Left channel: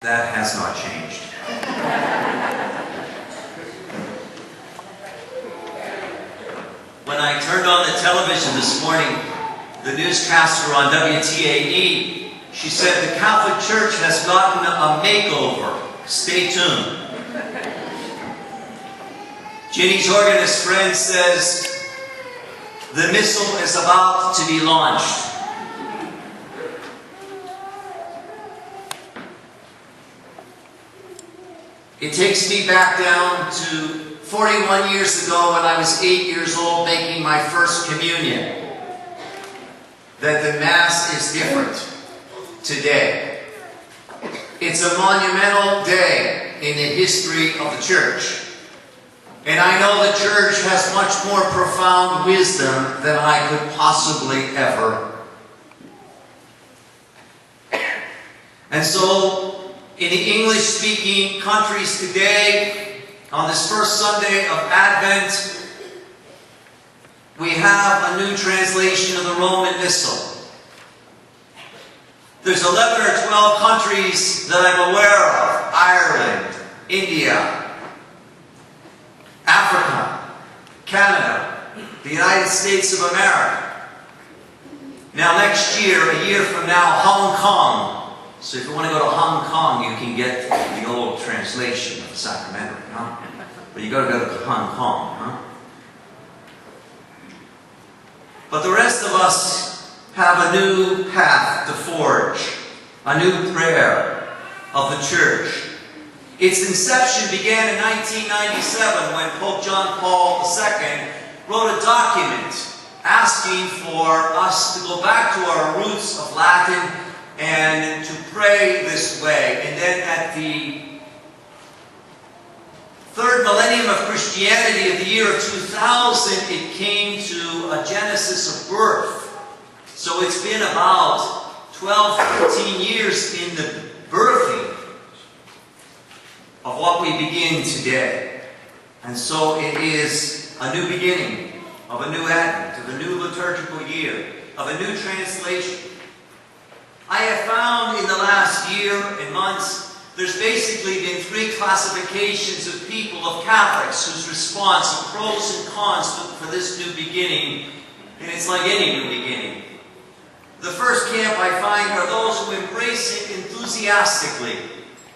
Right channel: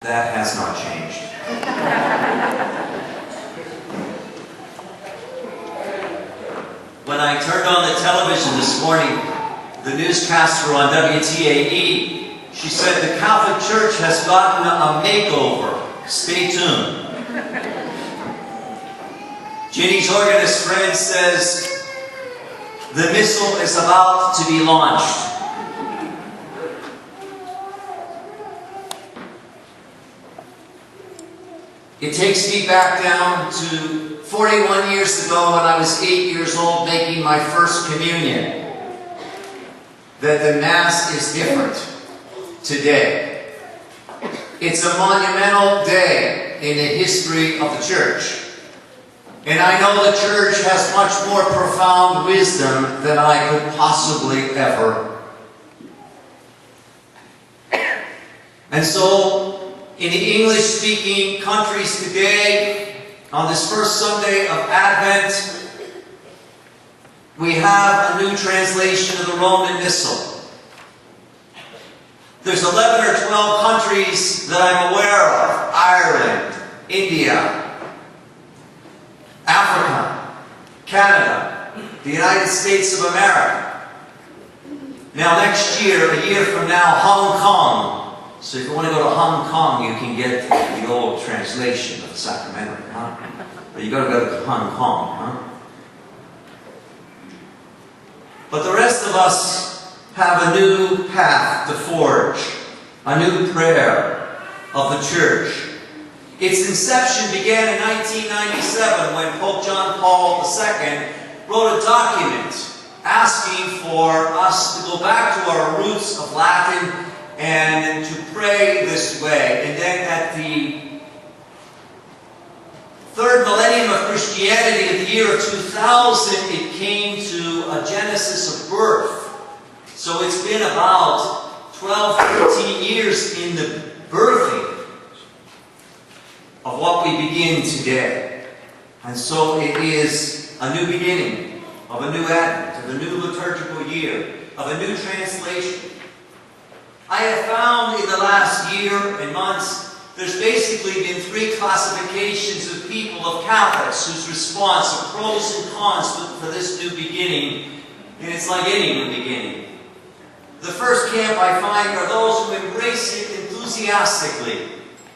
That has not changed. When I turned on the television this morning, the newscaster on WTAE, she said the Catholic Church has gotten a makeover. Stay tuned. Ginny Torgan's friend says the missile is about to be launched. It takes me back down to 41 years ago when I was 8 years old making my first communion. That the Mass is different today. It's a monumental day in the history of the Church. And I know the Church has much more profound wisdom than I could possibly ever. And so, in the English-speaking countries today, on this first Sunday of Advent, we have a new translation of the Roman Missal. There's 11 or 12 countries that I'm aware of: Ireland, India, Africa, Canada, the United States of America. Now next year, a year from now, Hong Kong. So if you want to go to Hong Kong, you can get the old translation of Sacramento, huh? But you got to go to Hong Kong, huh? But the rest of us have a new path to forge, a new prayer of the Church. Its inception began in 1997 when Pope John Paul II wrote a document asking for us to go back to our roots of Latin and to pray this way. And then at the third millennium of Christianity, in the year of 2000, it came to a genesis of birth. So it's been about 12, 13 years in the birthing of what we begin today. And so it is a new beginning of a new Advent, of a new liturgical year, of a new translation. I have found in the last year and months, there's basically been three classifications of people, of Catholics, whose response of pros and cons for this new beginning, and it's like any new beginning. The first camp I find are those who embrace it enthusiastically,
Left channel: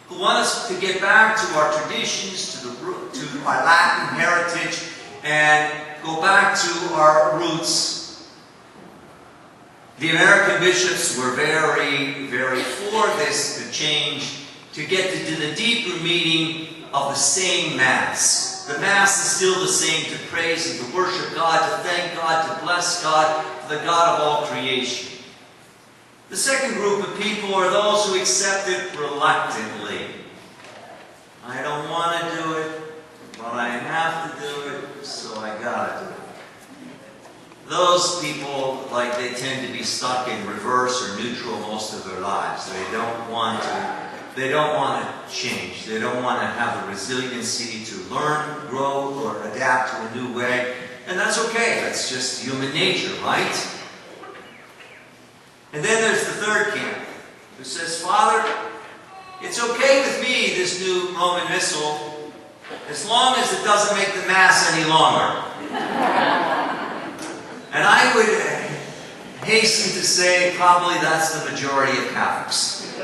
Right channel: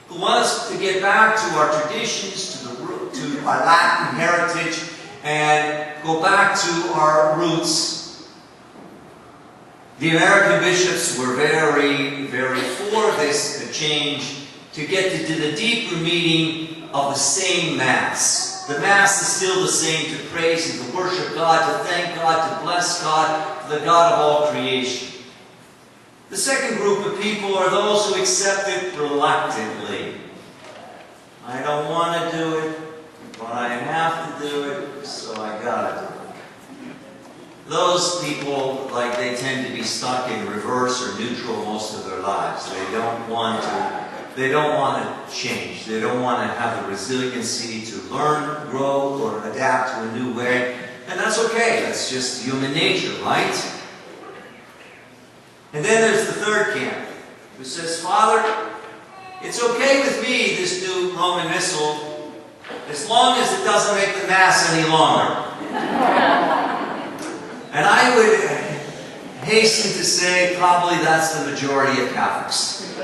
who want us to get back to our traditions, to our Latin heritage, and go back to our roots. The American bishops were very, very for this change to get to the deeper meaning of the same Mass. The Mass is still the same: to praise and to worship God, to thank God, to bless God, the God of all creation. The second group of people are those who accept it reluctantly. I don't want to do it, but I have to do it, so I gotta do it. Those people, like, they tend to be stuck in reverse or neutral most of their lives. They don't want to change. They don't want to have the resiliency to learn, grow, or adapt to a new way. And that's okay. That's just human nature, right? And then there's the third camp, who says, Father, it's okay with me, this new Roman Missal, as long as it doesn't make the Mass any longer. And I would hasten to say probably that's the majority of Catholics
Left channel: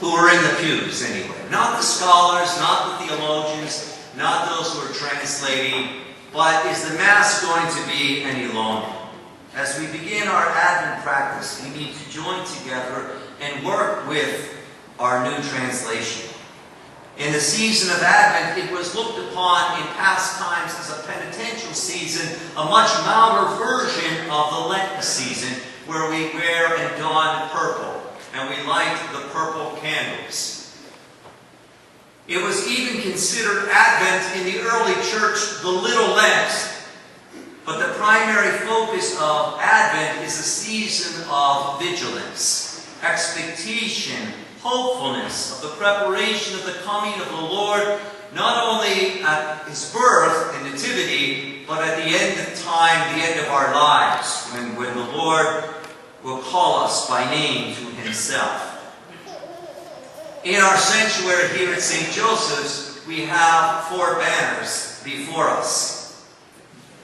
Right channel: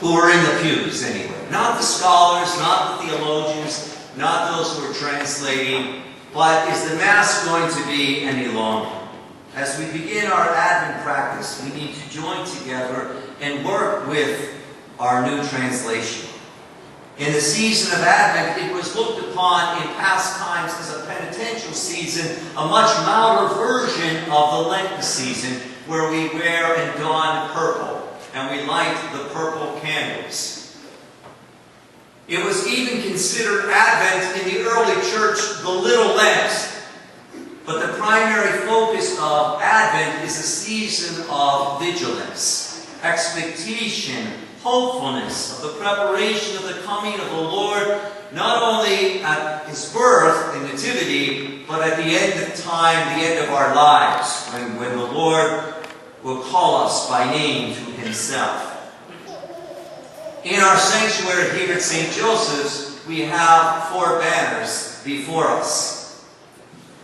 who are in the pews anyway. Not the scholars, not the theologians, not those who are translating, but is the Mass going to be any longer? As we begin our Advent practice, we need to join together and work with our new translation. In the season of Advent, it was looked upon in past times as a penitential season, a much milder version of the Lenten season, where we wear and don purple, and we light the purple candles. It was even considered Advent in the early church the Little Lent. But the primary focus of Advent is a season of vigilance, expectation, hopefulness of the preparation of the coming of the Lord, not only at His birth and nativity, but at the end of time, the end of our lives, when the Lord will call us by name to Himself. In our sanctuary here at St. Joseph's, we have 4 banners before us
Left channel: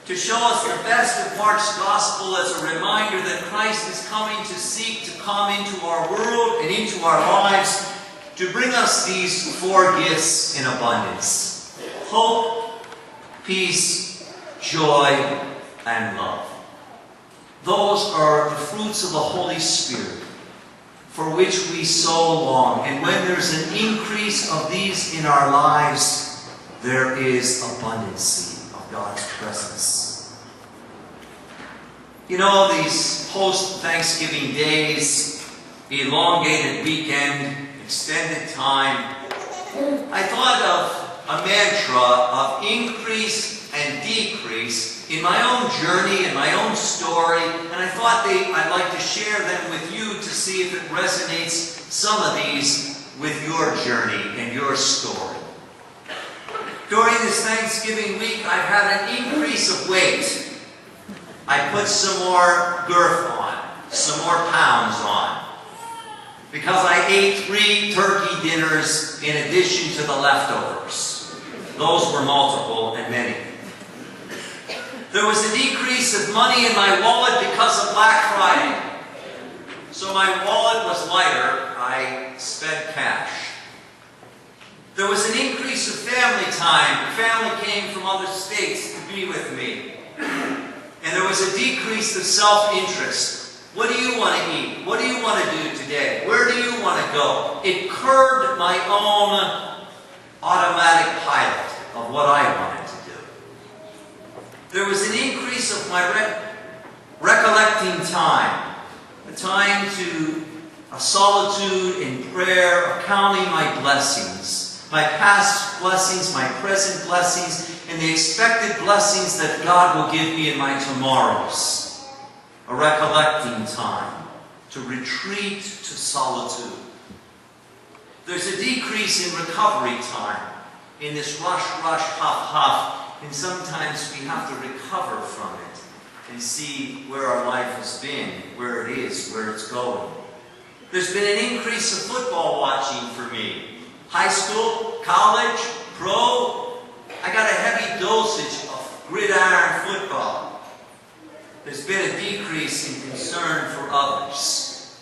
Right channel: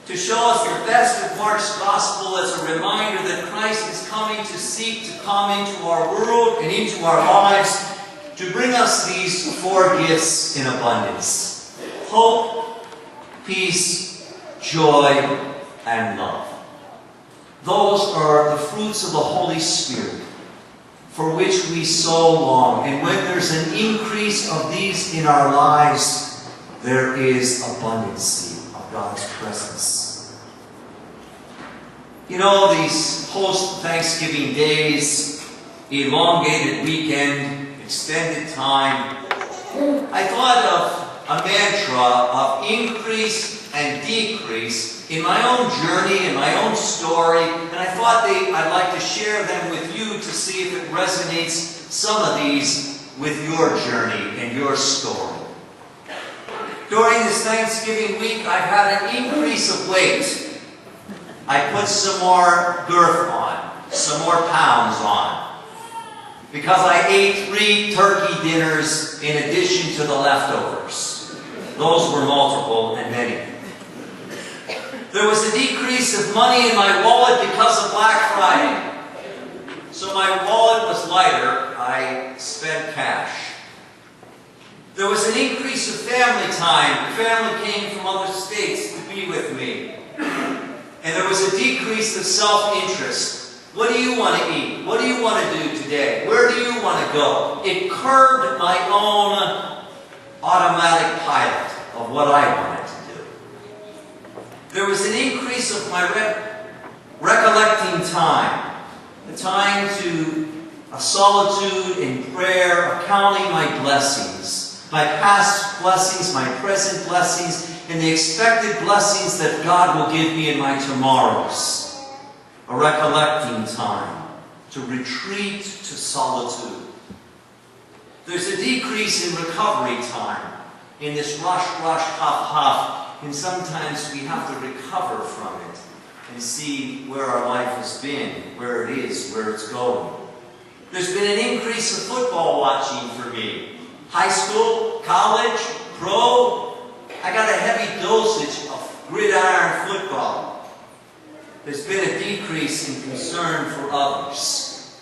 to show us the best of Mark's Gospel as a reminder that Christ is coming to seek to come into our world and into our lives to bring us these 4 gifts in abundance: hope, peace, joy, and love. Those are the fruits of the Holy Spirit for which we so long. And when there's an increase of these in our lives, there is abundancy of God's presence. You know, these post-Thanksgiving days, elongated weekend, extended time, I thought of a mantra of increase and decrease in my own journey, in my own story, and I thought I'd like to share them with you to see if it resonates, some of these, with your journey and your story. During this Thanksgiving week, I've had an increase of weight. I put some more girth on, some more pounds on, because I ate 3 turkey dinners in addition to the leftovers. Those were multiple and many. There was a decrease of money in my wallet because of Black Friday. So my wallet was lighter. I spent cash. There was an increase of family time. The family came from other states to be with me. And there was a decrease of self-interest. What do you want to eat? What do you want to do today? Where do you want to go? It curbed my own automatic pilot of what I wanted to do. There was an increase of my recollecting time. The time to a solitude in prayer, of counting my blessings. My past blessings, my present blessings, and the expected blessings that God will give me in my tomorrows. A recollecting time. To retreat to solitude. There's a decrease in recovery time. In this rush, huff, huff. And sometimes we have to recover from it and see where our life has been, where it is, where it's going. There's been an increase of football watching for me. High school, college, pro. I got a heavy dosage of gridiron football. There's been a decrease in concern for others.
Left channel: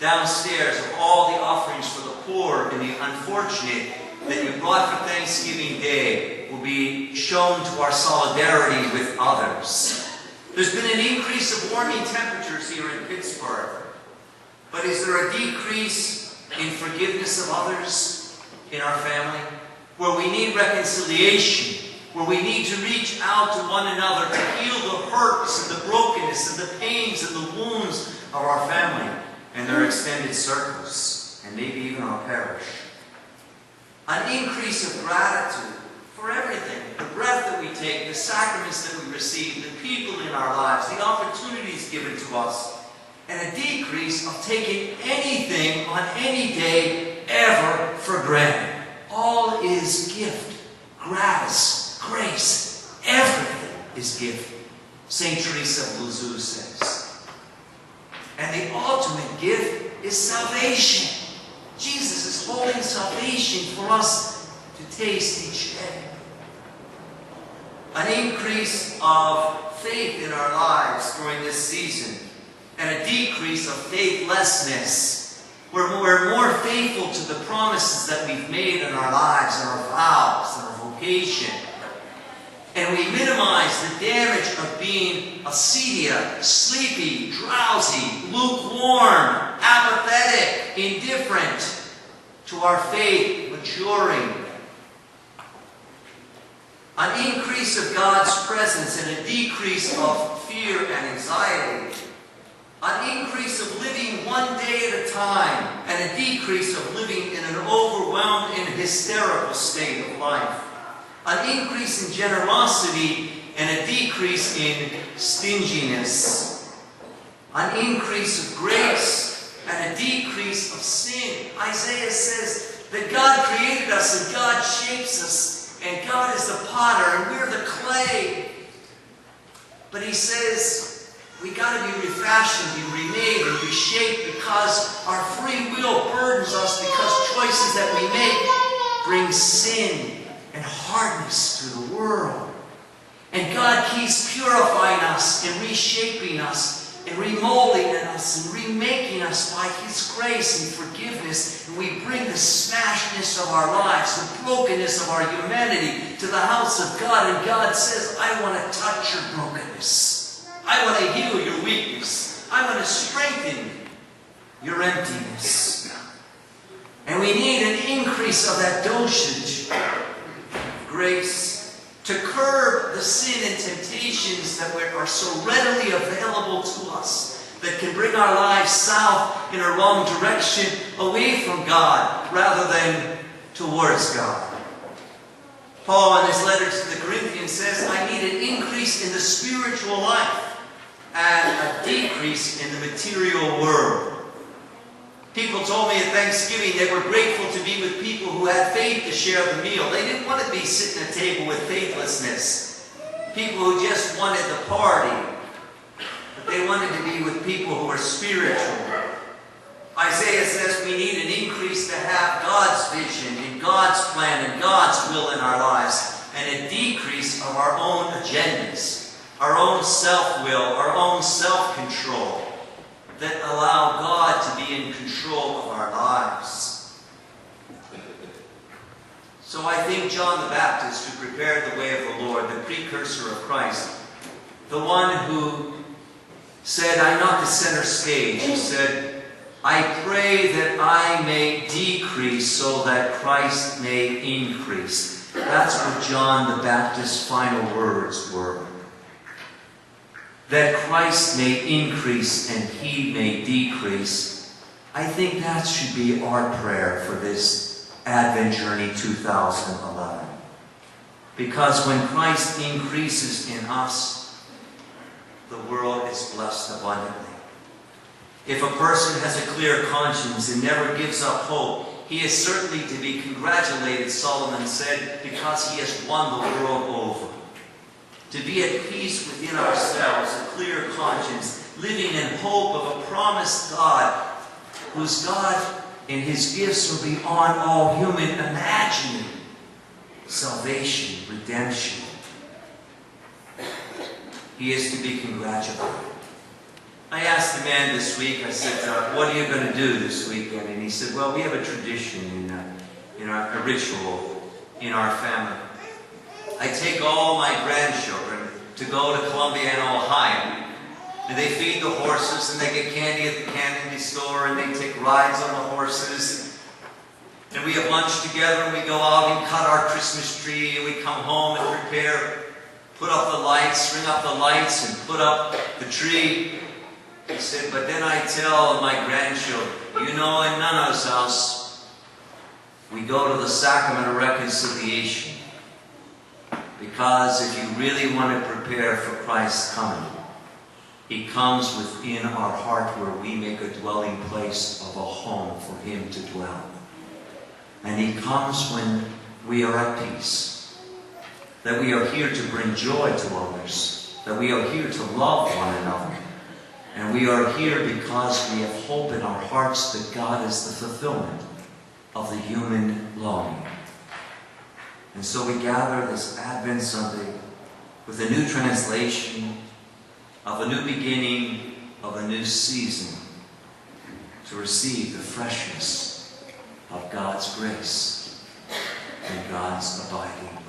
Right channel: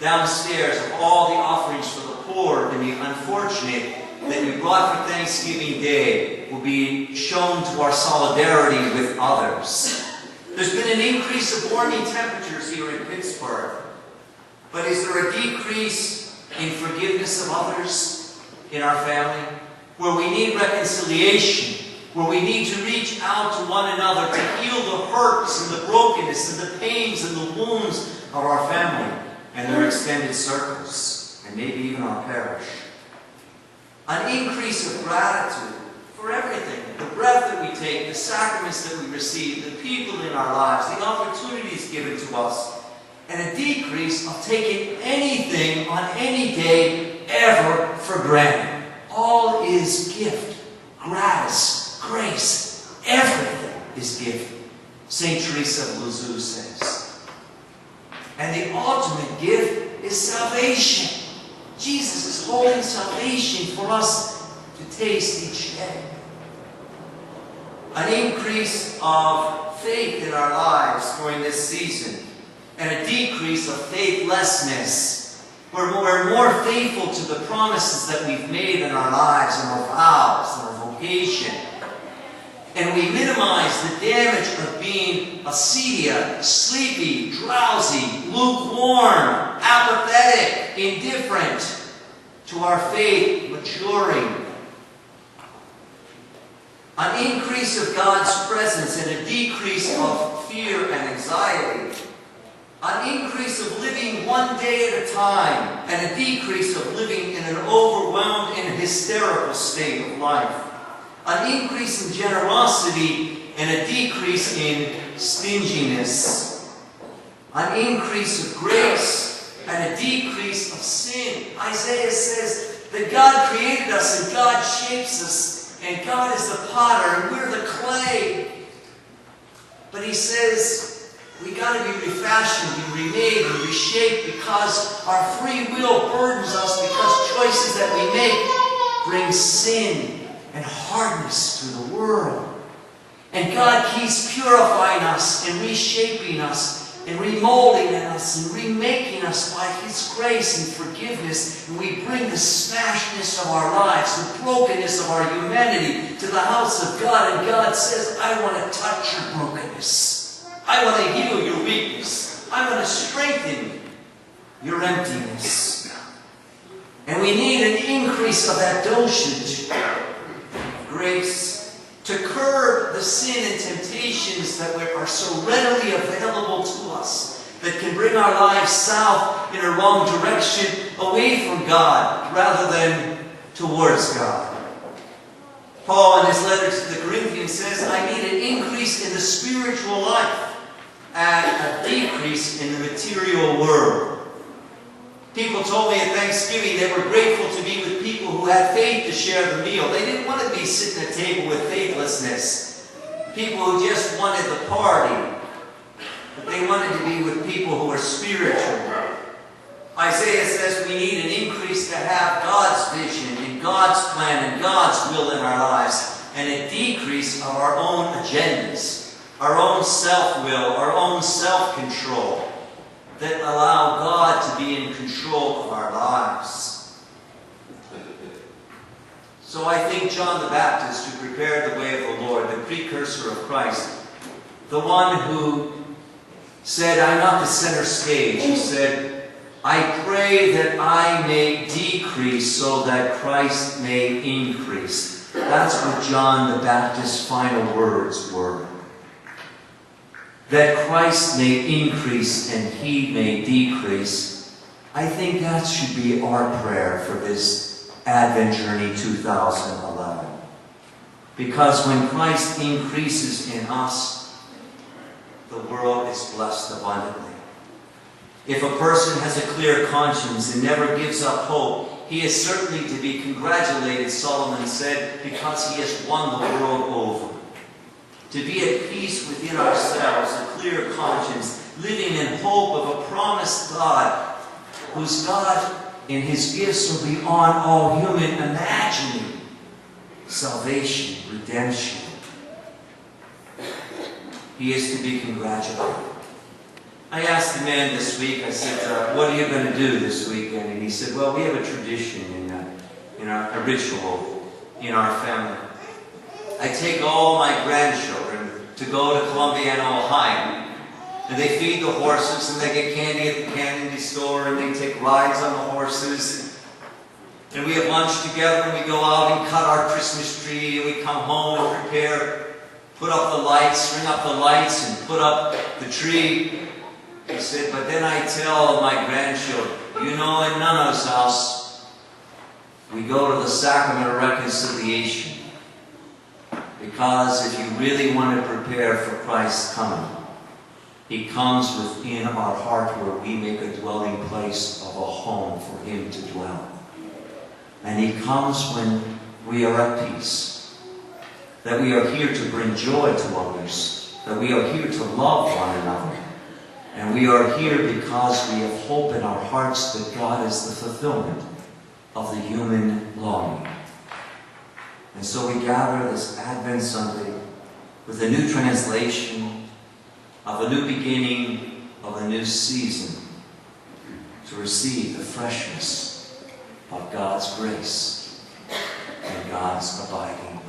Downstairs of all the offerings for the poor and the unfortunate that you brought for Thanksgiving Day will be shown to our solidarity with others. There's been an increase of warming temperatures here in Pittsburgh. But is there a decrease in forgiveness of others in our family? Where we need reconciliation, where we need to reach out to one another to heal the hurts and the brokenness and the pains and the wounds of our family and their extended circles, and maybe even our parish. An increase of gratitude for everything. The breath that we take, the sacraments that we receive, the people in our lives, the opportunities given to us. And a decrease of taking anything on any day ever for granted. All is gift, gratis, grace. Everything is gift. St. Teresa of Lisieux says. And the ultimate gift is salvation. Jesus is holding salvation for us to taste each day. An increase of faith in our lives during this season, and a decrease of faithlessness. We're more faithful to the promises that we've made in our lives, and our vows, and our vocation. And we minimize the damage of being acedia, sleepy, drowsy, lukewarm, apathetic, indifferent to our faith maturing. An increase of God's presence and a decrease of fear and anxiety. An increase of living one day at a time and a decrease of living in an overwhelmed and hysterical state of life. An increase in generosity and a decrease in stinginess. An increase of grace and a decrease of sin. Isaiah says that God created us and God shapes us and God is the potter and we're the clay. But he says We got to be refashioned and remade and reshaped because our free will burdens us, because choices that we make bring sin and hardness to the world. And God keeps purifying us and reshaping us and remolding us and remaking us by His grace and forgiveness. And we bring the smashness of our lives, the brokenness of our humanity to the house of God. And God says, I want to touch your brokenness. I want to heal your weakness. I want to strengthen your emptiness. And we need an increase of that dosage of grace to curb the sin and temptations that are so readily available to us, that can bring our lives south in a wrong direction, away from God rather than towards God. Paul in his letter to the Corinthians says, I need an increase in the spiritual life and a decrease in the material world. People told me at Thanksgiving they were grateful to be with people who had faith to share the meal. They didn't want to be sitting at a table with faithlessness. People who just wanted the party. But they wanted to be with people who were spiritual. Isaiah says we need an increase to have God's vision and God's plan and God's will in our lives, and a decrease of our own agendas, our own self-will, our own self-control that allow God to be in control of our lives. So I think John the Baptist, who prepared the way of the Lord, the precursor of Christ, the one who said, I'm not the center stage, he said, I pray that I may decrease so that Christ may increase. That's what John the Baptist's final words were. That Christ may increase and He may decrease. I think that should be our prayer for this Advent Journey 2011. Because when Christ increases in us, the world is blessed abundantly. If a person has a clear conscience and never gives up hope, he is certainly to be congratulated, Solomon said, because he has won the world over. To be at peace within ourselves, a clear conscience, living in hope of a promised God, whose God in His gifts are beyond all human imagining. Salvation, redemption. He is to be congratulated. I asked the man this week, I said, what are you going to do this weekend? And he said, well, we have a tradition in our ritual in our family. I take all my grandchildren to go to Columbiana, Ohio. And they feed the horses, and they get candy at the candy store, and they take rides on the horses. And we have lunch together, and we go out and cut our Christmas tree, and we come home and prepare, put up the lights, ring up the lights, and put up the tree. He said, but then I tell my grandchildren, you know, in Nana's house, we go to the sacrament of reconciliation. Because if you really want to prepare for Christ's coming, He comes within our heart where we make a dwelling place of a home for Him to dwell. And He comes when we are at peace. That we are here to bring joy to others. That we are here to love one another. And we are here because we have hope in our hearts that God is the fulfillment of the human longing. And so we gather this Advent Sunday with a new translation of a new beginning of a new season to receive the freshness of God's grace and God's abiding